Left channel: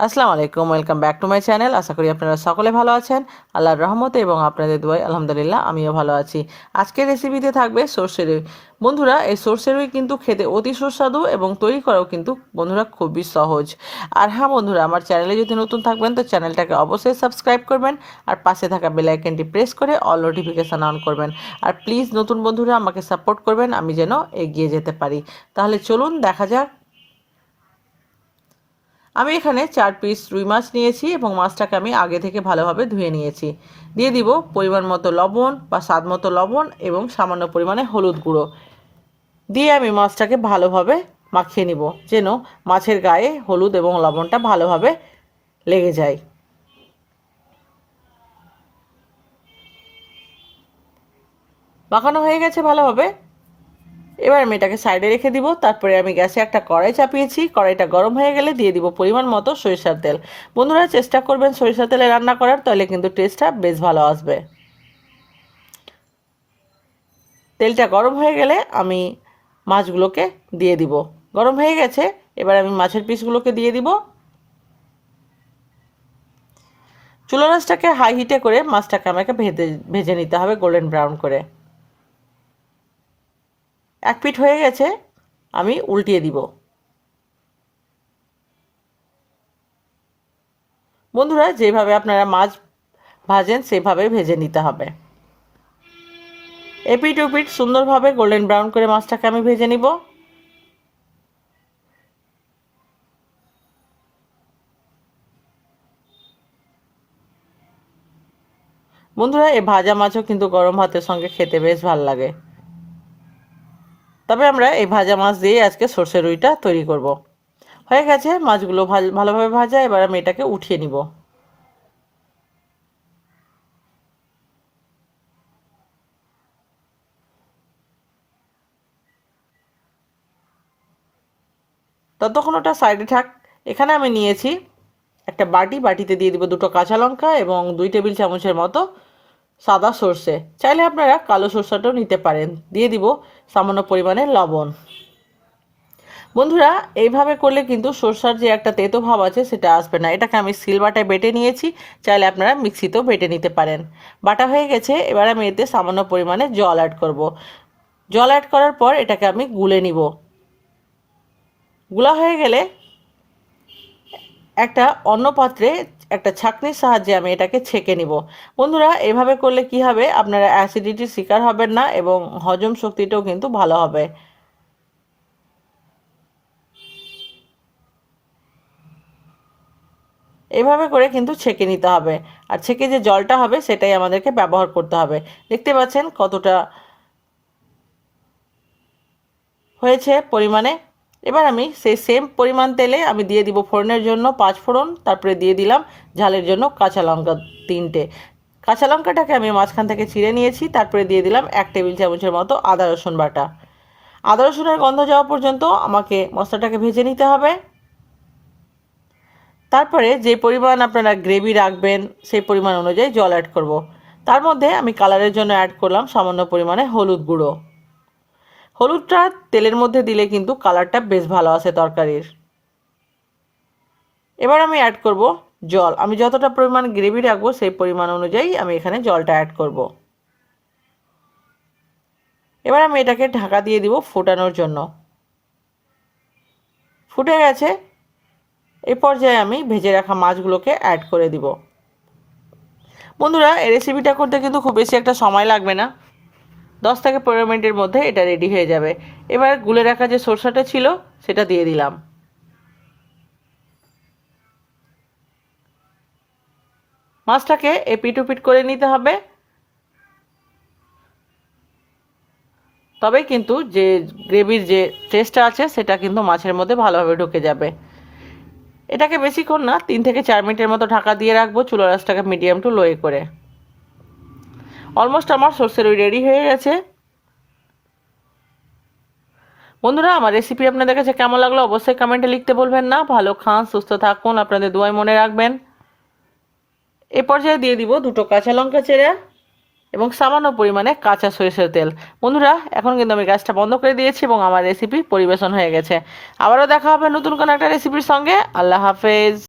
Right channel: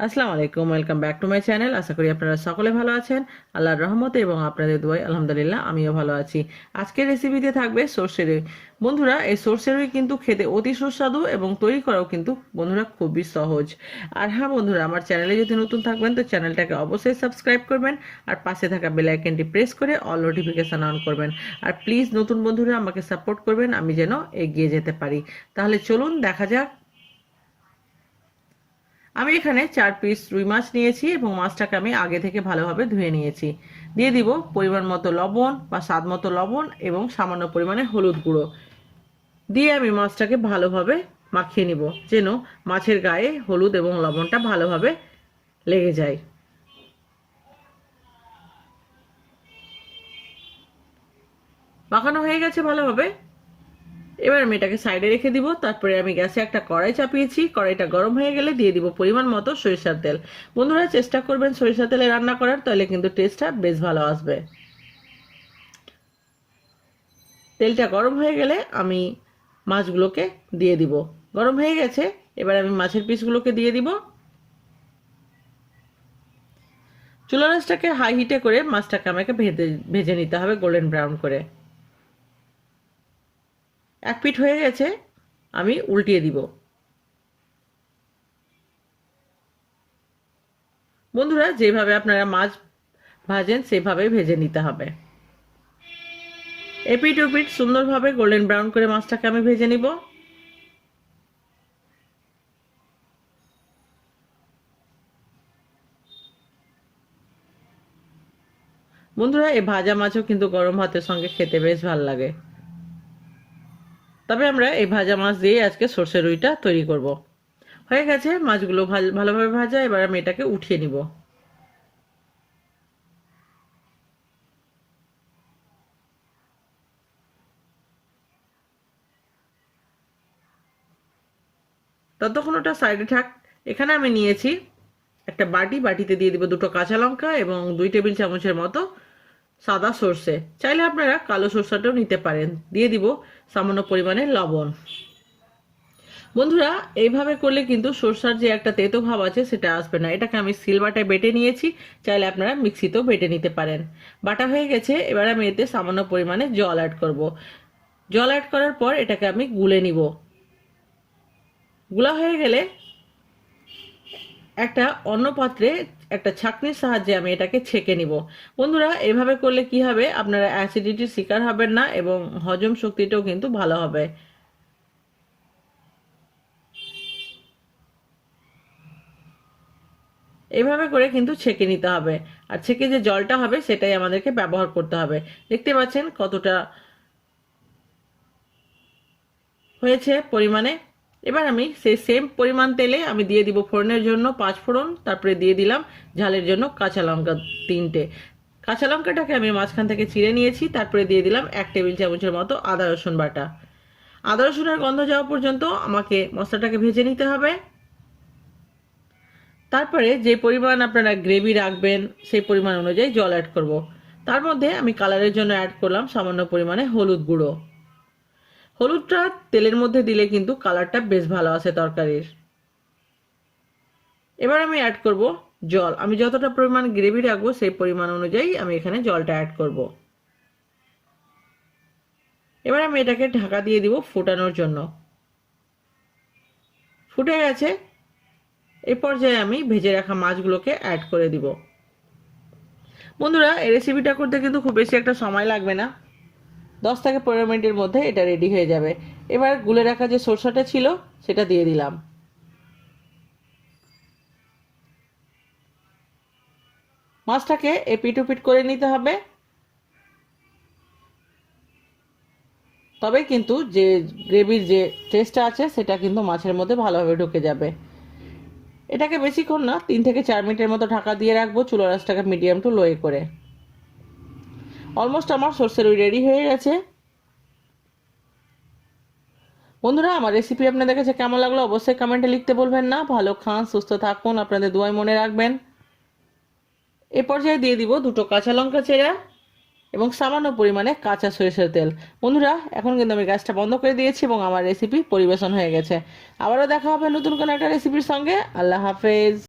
আসসালামু আলাইকুম, welcome back to my channel. আশা করি আপনারা সকলে ভালো আছেন আল্লাহর রহমতে এবং আপনাদের দোয়ায় আলহামদুলিল্লাহ আমিও ভালো আছি। আজকের রেসিপিতে থাকবে সর্ষে রুই। বন্ধুরা, এই সর্ষে রুই কিন্তু খেতে অতি সুস্বাদু এবং তৈরি করাও কিন্তু বন্ধুরা খুবই সহজ। আর হ্যাঁ বন্ধুরা, আমার চ্যানেলে যদি নতুন থাকবেন তো চ্যানেলটাকে অবশ্যই সাবস্ক্রাইব করবেন আর পাশে থাকা বেল আইকনটি প্রেস করে অল নোটিফিকেশান অন করবেন। আর প্লিজ নতুন বন্ধুরা আমাকে সাপোর্ট করবেন, আমি যেন এগিয়ে যেতে পারি। তাহলে চলুন দেখা যাক। আমি এখানে 4 পিস রুই মাছ নিয়েছি এবং মাছটাকে আমি আগে থেকে ভালোভাবে ধুয়ে নিয়েছি। দিয়ে দিব পরিমাণ মতো লবণ বা স্বাদ মতো লবণ এবং সামান্য পরিমাণে হলুদ গুঁড়ো দিয়ে আমি মাছটাকে ভালোভাবে মাখিয়ে নিব, যেন মাছের গায়ে হলুদ এবং লবণটা ভালোভাবে লেগে যায়। মাখানো হয়ে গেছে ভালোভাবে। এবার আমি এটাকে সাইডে রেখে দিব। তারপরে আমি গ্যাসে একটা কড়াই চাপিয়েছি। কড়াইটা গরম হয়ে গেলে দিয়ে দিব পরিমাণ মতো সরিষার তেল। বন্ধুরা, চেষ্টা করবেন সরিষার তেলে রান্না করার, তাহলে কিন্তু টেস্টটা বেশ ভালো আসবে। তেলটা গরম হয়ে গেলে আমি মাছগুলোকে দিয়ে দিব। গরম হয়ে গেছে, এবার আমি মাছের পিসগুলোকে দিয়ে দিব। চুলা আঁচটাকে হাই হিটে করে মাছটাকে আমাকে ভেজে নিতে হবে গোল্ডেন ব্রাউন করে। এক পিঠ হয়ে গেছে, আমি উল্টিয়ে দিব। বন্ধুরা, যেভাবে আপনারা মাছ ভাজেন সেভাবে ভেজে নিতে হবে। এপিঠ ওপিঠ সুন্দরভাবে গোল্ডেন ব্রাউন করে মাছটাকে আমি ভেজে নিব। বন্ধুরা, এই ভাজা মাছও কিন্তু গরম ভাতের সঙ্গে খেতে বেশ ভালো লাগে। তবে আমরা এই ভাজা মাছ দিয়ে আজকে সর্ষে রুইটা তৈরি করব। হয়ে গেছে মাছগুলো ভালোভাবে ভাজা। এবার আমি এটাকে উঠিয়ে নিব। ততক্ষণ ওটা সাইডে থাক। এখানে আমি নিয়েছি একটা বাটিতে দিয়ে দিব 2টো কাঁচা লঙ্কা এবং 2 টেবিল চামচের মতো সাদা সর্ষে। চাইলে আপনারা কালো সর্ষেটাও নিতে পারেন। দিয়ে দিব সামান্য পরিমাণে লবণ। বন্ধুরা, এইভাবে করলে কিন্তু সর্ষার যে একটা তেতো ভাব আছে সেটা আসবে না। এটাকে আমি সিলবাটায় বেটে নিয়েছি। চাইলে আপনারা মিক্সিতেও বেটে নিতে পারেন। বাটা হয়ে গেছে, এবার আমি এতে সামান্য পরিমাণে জল অ্যাড করব। জল অ্যাড করার পর এটাকে আমি গুলে নিব। গুলা হয়ে গেলে একটা অন্য পাত্রে একটা ছাঁকনির সাহায্যে আমি এটাকে ছেঁকে নিব। বন্ধুরা, এভাবে করলে কি হবে, আপনারা অ্যাসিডিটির শিকার হবেন না এবং হজম শক্তিটাও কিন্তু ভালো হবে। এভাবে করে কিন্তু ছেঁকে নিতে হবে। আর ছেঁকে যে জলটা হবে সেটাই আমাদেরকে ব্যবহার করতে হবে। দেখতে পাচ্ছেন কতটা হয়েছে পরিমাণে। এবার আমি সেই সেম পরিমাণ তেলে আমি দিয়ে দিব ফোড়নের জন্য 5 ফোড়ন। তারপরে দিয়ে দিলাম ঝালের জন্য কাঁচা লঙ্কা 3টে। কাঁচা লঙ্কাটাকে আমি মাঝখান থেকে চিড়ে নিয়েছি। তারপরে দিয়ে দিলাম 1 টেবিল চামচের মতো আদা রসুন বাটা। আদা রসুনের গন্ধ যাওয়া পর্যন্ত আমাকে মশলাটাকে ভেজে নিতে হবে। তারপরে যে পরিমাণ আপনারা গ্রেভি রাখবেন সেই পরিমাণ অনুযায়ী জল অ্যাড করব। তার মধ্যে আমি কালারের জন্য অ্যাড করলাম সামান্য পরিমাণে হলুদ গুঁড়ো। হলুদটা তেলের মধ্যে দিলে কিন্তু কালারটা বেশ ভালো আসে তরকারির। এবার আমি অ্যাড করব জল। আমি যতটা পরিমাণ গ্রেভি রাখবো সেই পরিমাণ অনুযায়ী আমি এখানে জলটা অ্যাড করব। এবার আমি এটাকে ঢাকা দিয়ে দিব ফোটানোর জন্য। ফুটে গেছে, এই পর্যায়ে আমি ভেজে রাখা মাছগুলোকে অ্যাড করে দিব। বন্ধুরা, এই রেসিপিটা করতে কিন্তু খুব বেশি একটা সময় লাগবে না। 10 থেকে 15 মিনিটের মধ্যে এটা রেডি হয়ে যাবে। এবার গুলে রাখা যে সরষেটা ছিল সেটা দিয়ে দিলাম। মাছটাকে এপিট ওপিট করে নিতে হবে, তবে কিন্তু যে গ্রেভির যে টেস্টটা আছে সেটা কিন্তু মাছের মধ্যে ভালোভাবে ঢুকে যাবে। এটাকে বেশিক্ষণ না, 3 থেকে 4 মিনিটের মতো ঢাকা দিয়ে রাখবো চুলার আঁচটাকে মিডিয়াম টু লোয়ে করে। অলমোস্ট আমার সর্ষে রুই রেডি হয়ে গেছে। বন্ধুরা, আমার রেসিপি আপনাদের কাছে কেমন লাগলো অবশ্যই কমেন্টে লিখতে বলবেন না। ভালো খান, সুস্থ থাকুন, আপনাদের দোয়ায় মনে রাখবেন। এ পর্যায়ে দিয়ে দিব 2টো কাঁচা লঙ্কা চেরা এবং সামান্য পরিমাণে কাঁচা সরিষার তেল। বন্ধুরা, এখন কিন্তু আমি গ্যাসটা বন্ধ করে দিয়েছি এবং আমার রেসিপি পরিবেশন হয়ে গেছে। আবারও দেখা হবে নতুন কোনো একটা রেসিপির সঙ্গে। আল্লাহ হাফেজ।